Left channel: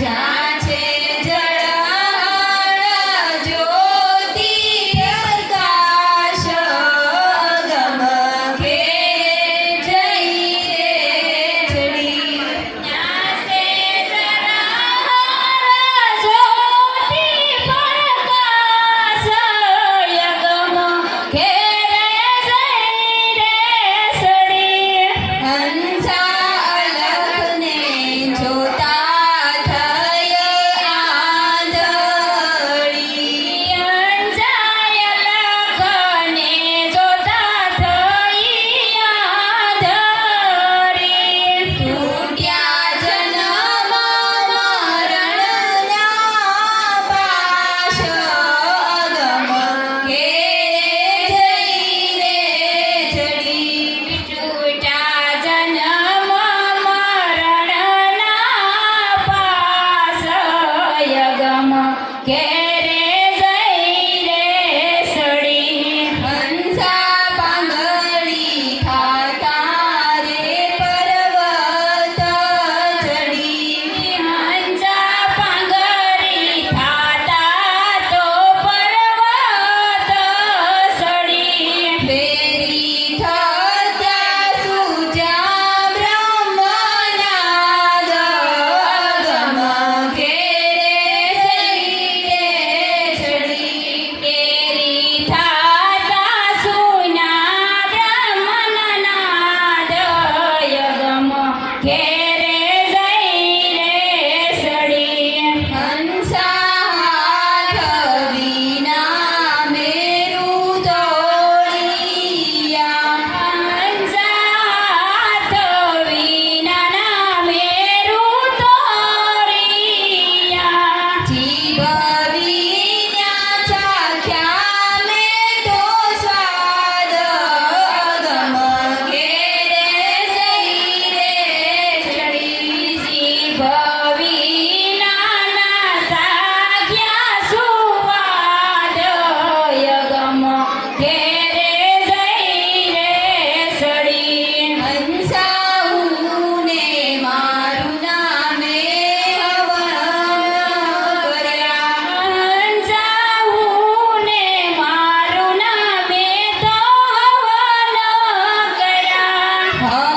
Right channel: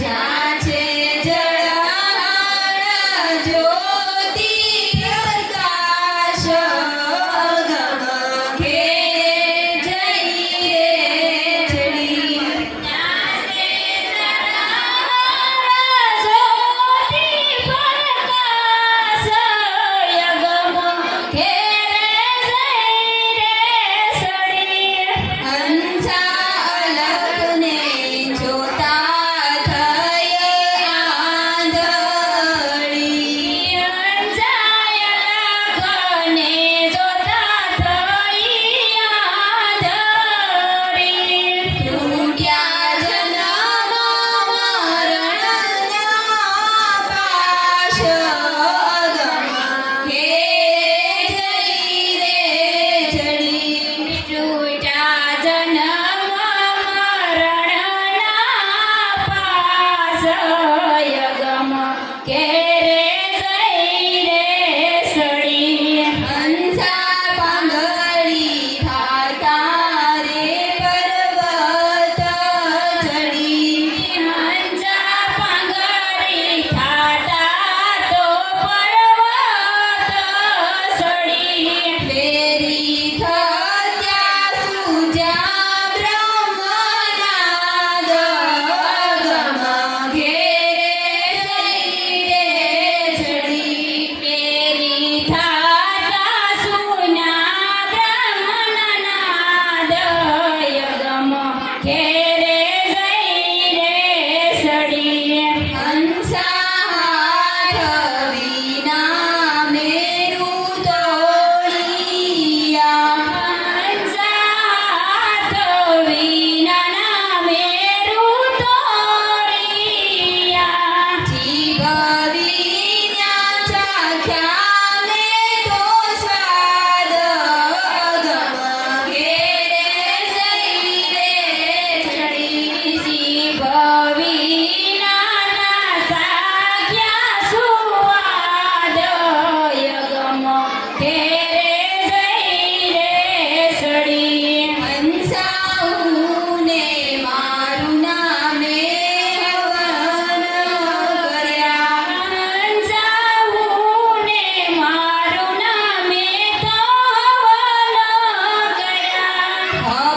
Yeah. Ah!